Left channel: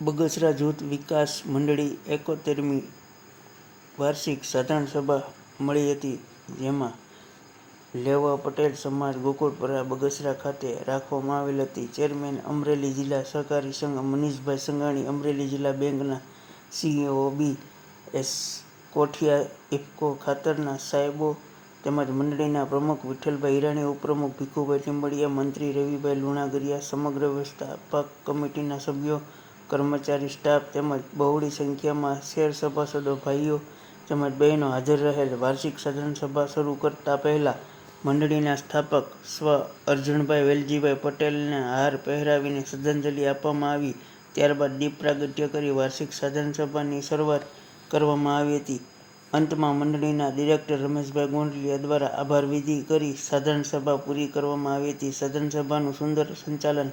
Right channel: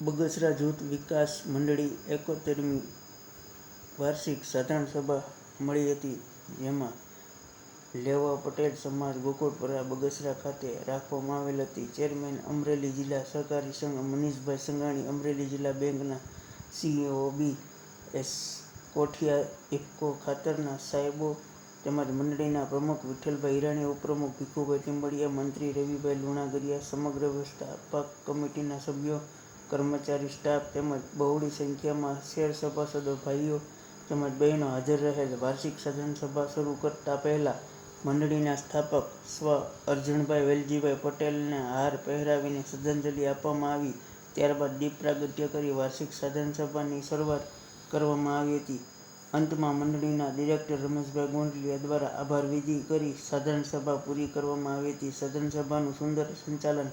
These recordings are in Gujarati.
બગસરા જૂથ વિકાસ મંડળી એકોતેરમી વાર્ષિક સાધારણ સભા મળી હતી, જેમાં લેવા પટેલ સમાજ ગોકુળપરા બગસરા ખાતે રાખવામાં આવેલ હતી. ચેરમેન અમરેલી જિલ્લા સહકારી સંઘ મનીષભાઈ સંઘાણી અમરેલી જિલ્લા બેંકના CEO B S Kothiya IFFCO ખાતરના સાહેબો તેમજ મંડળીના પ્રમુખ વિઠ્ઠલભાઈ હિરાણી ઉપપ્રમુખ ભીખુભાઈ ટીમ્બડિયા મંત્રી રવિભાઈ લુણાગરિયા, સમગ્ર વ્યવસ્થાપક કમિટીના સભ્યો કર્મચારી સ્ટાફ તેમજ બહોળી સંખ્યામાં શેર સભાસદો ભાઈઓ તેમજ બહેનો હાજર રહેલ વાર્ષિક સાધારણ સભા શરૂ કરતા પહેલા મંડળીના સ્થાપક સ્વ અર્જુનભાઈ વેલજીભાઈ પટેલને હાર પહેરાવીને શ્રદ્ધાંજલિ આપવામાં આવી. ત્યારબાદ દીપ પ્રાગટ્ય કરી વાર્ષિક સાધન સભાની શરૂઆત કરવામાં આવી હતી. અંતમાં મંડળીના ડિરેક્ટર રમેશભાઈ ગોંડલિયા દ્વારા આભાર વિધિ કરી સાધન સભા પૂરી કરવામાં આવી હતી. સાધન સભાનું સુંદર સંચાલન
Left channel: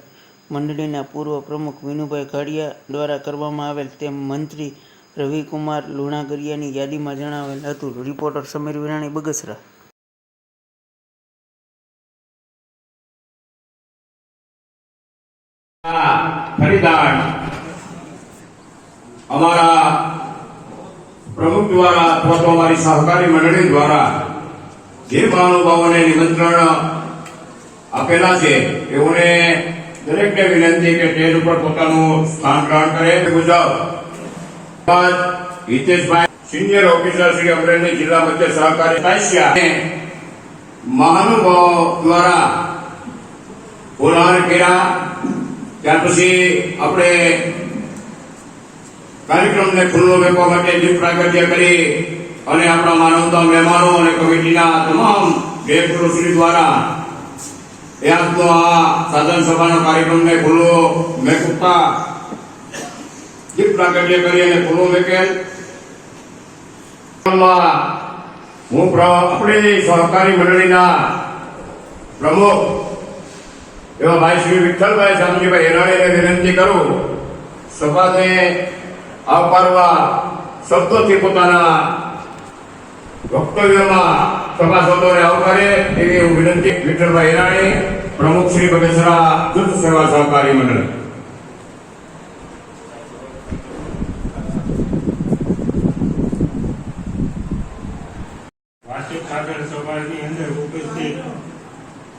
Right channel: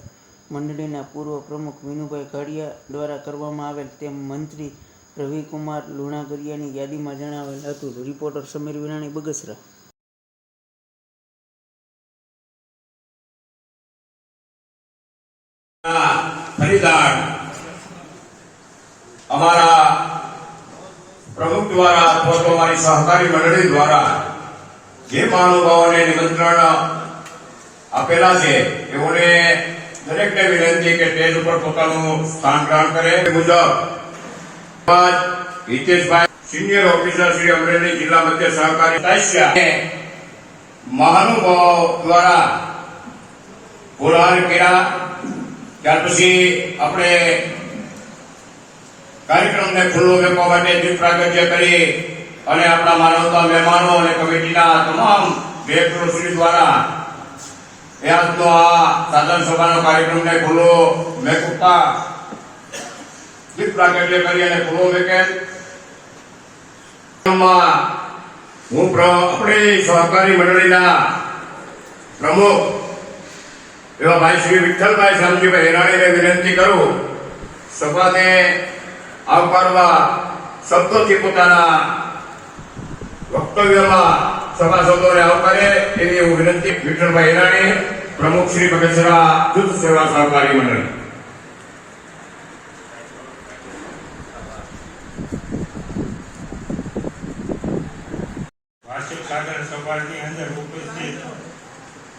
મંડળીના પૂર્વ પ્રમુખ વિનુભાઈ ઘાડિયા દ્વારા કરવામાં આવેલ તેમ મંત્રી રવિકુમાર લુણાગરિયાની યાદીમાં જણાવેલ હતું. રિપોર્ટર સમીર વિરાણી, બગસરા. ફરીદાન અમારા પ્રમુખ દ્વારા અથવા અમારી સહકારી મંડળી દ્વારા જે મહાનુભાવોને નિમંત્રણ આપેલા છે તેઓને દરેકને વિનંતી કે સ્ટેજ ઉપર પોતાનું સ્થાન ગ્રહણ કરે મુજબ હિતેશભાઈ સિનિયર ઓફિસર શ્રી અમરેલી જિલ્લા મધ્ય સહકારી અને દ્વારા પુરાણ કર્યા ત્યાર પછી આપણે કાર્યક્રમને ખુલ્લો મૂકવા માટે દીપ પ્રાગટ્ય કરી અને આપણા માનવતા મહેમાનો અને કમિટીના તમામ વ્યક્તિઓ દ્વારા એ તો આ સાધન સભાનો કાર્યક્રમને ખુલ્લો મેકૂપતા દીપ પ્રાગટ્ય કરી અને ખુલ્લો મેકેલ. હું આપણી સહકારી મંડળીના પ્રમુખ એવા ભાઈ શ્રી વિઠ્ઠલભાઈ શામજીભાઈ હેરાણીને વિનંતી કરું, સભાને આવકારવા શબ્દોથી પોતાના વક્તવ્યમાં સભાસદોને આવકારે એવી હું વિનંતી વિઠ્ઠલભાઈ હિરાણી પ્રમુખ શ્રી બગસરા જૂથ સેવા સહકારી મંડળ.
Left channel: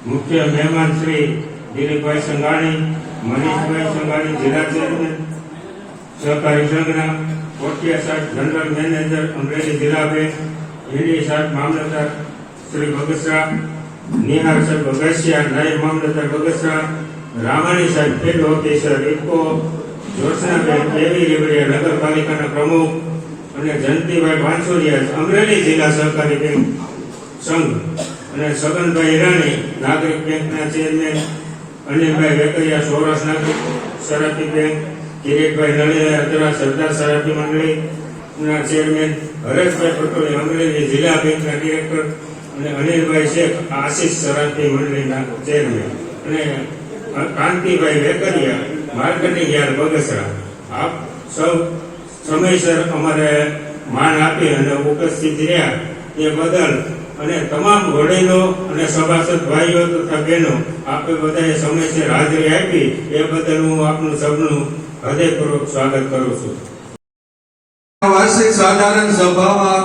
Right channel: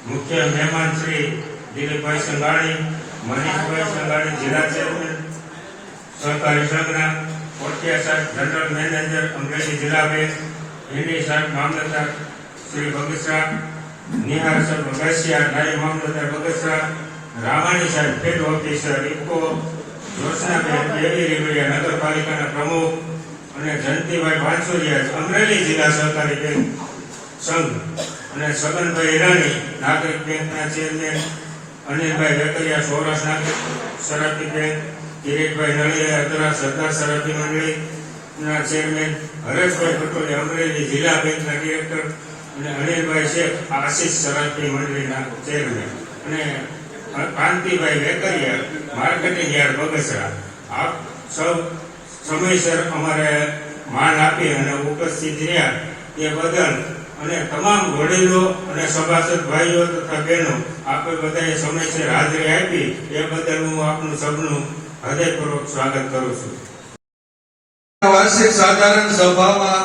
મુખ્ય મહેમાન શ્રી દિલીપભાઈ સંઘાણી, મનીષભાઈ સંઘાણી, જિલ્લા ચેરમેન, સહકારી સંઘના કોટિયા સાહેબ જનરલ મેનેજર, અમરેલી જિલ્લા બેંક એની સાહેબ મામલતદાર શ્રી બગસરા નિહાર સર બગસિયા નાયબ મામલતદાર બગસરા રામાણી સાહેબ ફેડ ઓફિસર ઇકો જોશનાબેન દેવી રેવડિયા નગરપાલિકાના પ્રમુખ અને જયંતિભાઈ ભાંસુરિયા અમરેલી જિલ્લા સહકારી બેંક સંઘ અને સગનભાઈ રાણી નાગરિક બેંકના ચેરમેન, અનિલભાઈ વેકરિયા, સૌરાષ્ટ્ર નાગરિક સરાફી બેંક, કિરીટભાઈ નળિયા અદરા સરદાર સરાફી મંડળી ના ચેરમેન હરેશભાઈ પટોલી અમરેલી જિલ્લા બેંકના ડિરેક્ટર અને અનિલભાઈ શેખ આશીષ સરાફી મંડળીના ચેરમેન અને કાંતિભાઈ વેકરિયા, માર્કેટિંગ યાર્ડ બગસરા. આપ સૌ સમયસર અમારે માન આપી અને ઉપસ્થિત રહ્યા. તે બદલ અને તમામ વડીલો અને સભાસદ ભાઈઓ તથા બહેનો, આપે બધાએ સમયસર હાજરી આપી. એ બદલ હું આપનું સૌનું હૃદયપૂર્વક સ્વાગત કરું છું. વાર્ષિક સાધારણ સભામાં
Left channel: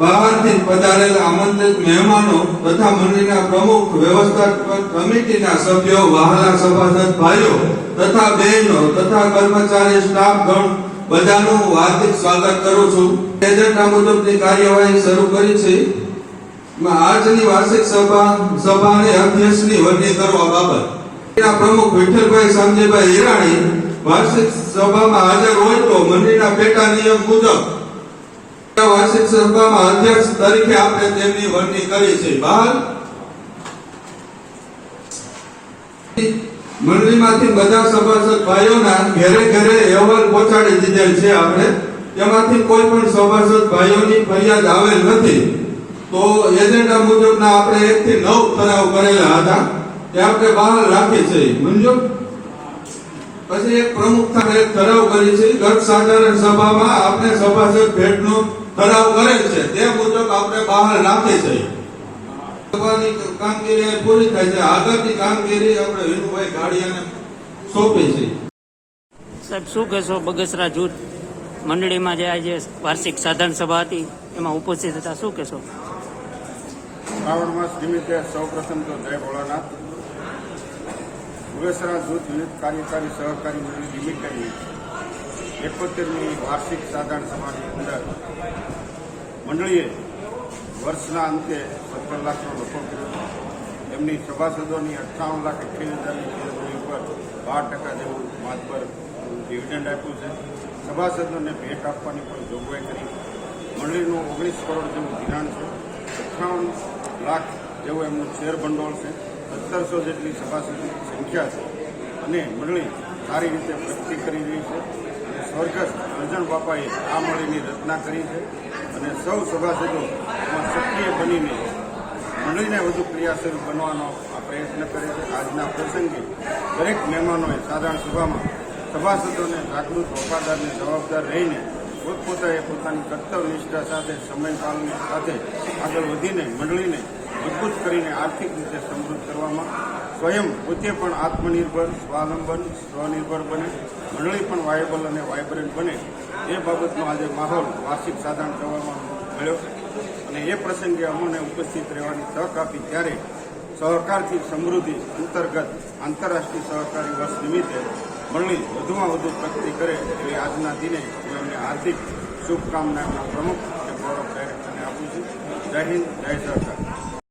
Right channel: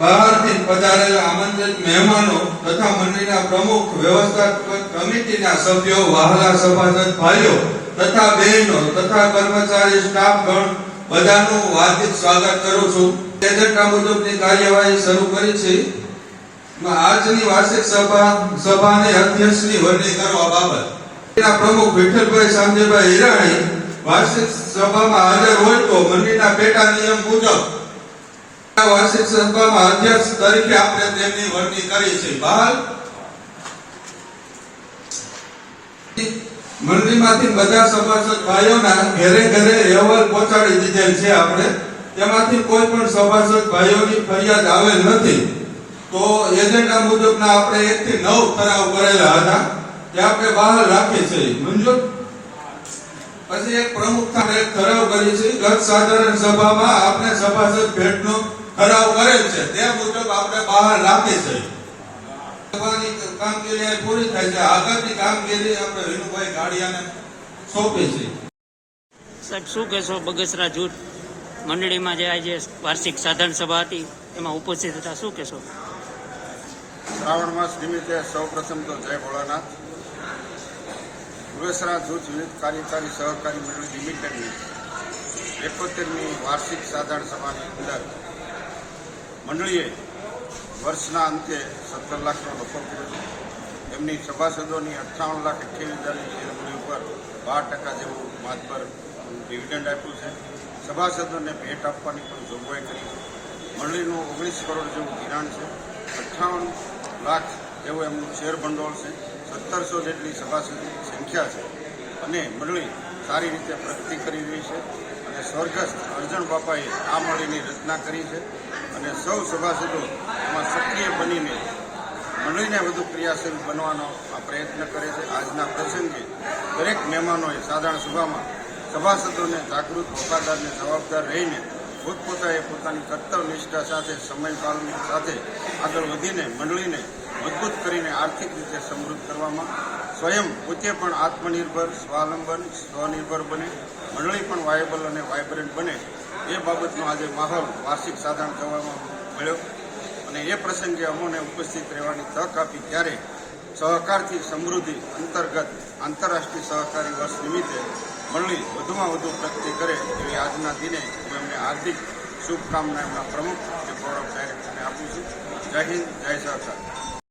બહારથી પધારેલા આમંત્રિત મહેમાનો તથા મંદિરના પ્રમુખ, વ્યવસ્થાપક કમિટીના સભ્યો, વહાલા સભાસદ ભાઈઓ તથા બહેનો તથા કર્મચારી સ્ટાફ ગણ બધાનું હાર્દિક સ્વાગત કરું છું. એજન્ડા મુજબની કાર્યવાહી શરૂ કરી છે. આજની વાર્ષિક સભા, સભાની અધ્યક્ષની વરણી કરવા બાબત. પ્રમુખ વિઠ્ઠલભાઈ સામજીભાઈ હિરાણી વાર્ષિક સભામાં હાજર હોય તો મંદિરના પેટા નિયમ મુજબ વાર્ષિક સભામાં અધ્યક્ષ તરીકે આપણે તેમની વરણી કરી છે. બહાર મંડળીમાંથી બધા સભાસદ ભાઈઓના ઘરે ઘરે અહેવાલ પહોંચાડી દીધેલ છે આપણે. તેમાંથી કોઈ પણ સભાસદ ભાઈઓની ફરિયાદ આવેલ નથી. તો એજન્ડા મુજબના આપણે એક થી નવ ઠરાવ કરેલા હતા. તે આપણે બહાર રાખી છે. મંજૂર પછી એક પ્રમુખતા એક ઠરાવ કરી છે. ગત સાધારણ સભામાં આપણે સભાસદ ભેટનો ઠરાવ કરેલ છે. તે મુજબ આપણે બહાર રાખી છે. સભાની કામગીરી પૂરી થાય છે. આગળની કામગીરી આપણે વિનુભાઈ ગાડિયાને સોંપી છે. સાહેબ શું કહેશો? બગસરા જૂથ મંડળીમાં જે આજે વાર્ષિક સાધારણ સભા હતી એમાં ઉપસ્થિત હતા. શું કહેશો? શ્રાવણ માસ નિમિત્તે સૌ પ્રથમ તો જય ભોળાનાથ. બગસરા જૂથ વિવિધ કાર્યકારી સહકારી મંડળી લિમિટેડની એકોતેરમી વાર્ષિક સાધારણ સભાની અંદર મંડળીએ વર્ષના અંતે સત્તર લાખનો નફો કર્યો એમની સભાસદોની અઠ્ઠાવન લાખ અઠ્યાવીસ હજારની શેરમૂડી ઉપર બાર ટકા જેવું માતબર ડિવિડન્ડ આપ્યું છે. સભાસદોને ભેટ આપવાની પણ જોગવાઈ કરી છે. મંડળીનું ઓગણીસ કરોડ જેવું ધિરાણ છે. અઠ્ઠાવન લાખ જેવું એમનું શેર ભંડોળ છે. સત્તરસો જેટલી સભાસદની સંખ્યા છે. અને મંડળી સારી રીતે પ્રગતિ કરી રહી છે. સ્વર્ગસ્થ અર્જણ બાપાએ આ મળીની રચના કરી છે અને સૌ સભાસદો એમાં સક્રિય બનીને મંડળીને વધુ ક્રિયાશીલ બનવાનો આ પ્રયત્ન કરે છે. આજના પ્રસંગે દરેક મહેમાનોએ સાધારણ સભામાં સભાસદોને જાગૃત વફાદારને જવાબદાર રહીને પોતપોતાએ પોતાની કર્તવ્ય નિષ્ઠા સાથે, સમય પાલન સાથે આગળ વધીને, મંડળીને મજબૂત કરીને આર્થિક રીતે સમૃદ્ધ કરવામાં સ્વયં પોતે પણ આત્મનિર્ભર, સ્વાવલંબન, સ્વનિર્ભર બને, મંડળી પણ વાયબલ અને વાયબ્રન્ટ બને. એ બાબતનો આજે માહોલ વાર્ષિક સાધારણ સભામાં મળ્યો અને એ પ્રસંગે અમોને ઉપસ્થિત રહેવાની તક આપી ત્યારે સહકારથી સમૃદ્ધિ અંતર્ગત આંતરરાષ્ટ્રીય સહકારી વર્ષ નિમિત્તે મંડળી વધુમાં વધુ પ્રગતિ કરે એવી આજના દિને હું એમને હાર્દિક શુભકામના એમના પ્રમુખ અને ગૌરવ ડાયરેક્ટરને આપું છું. જય હિન્દ, જય સહકાર.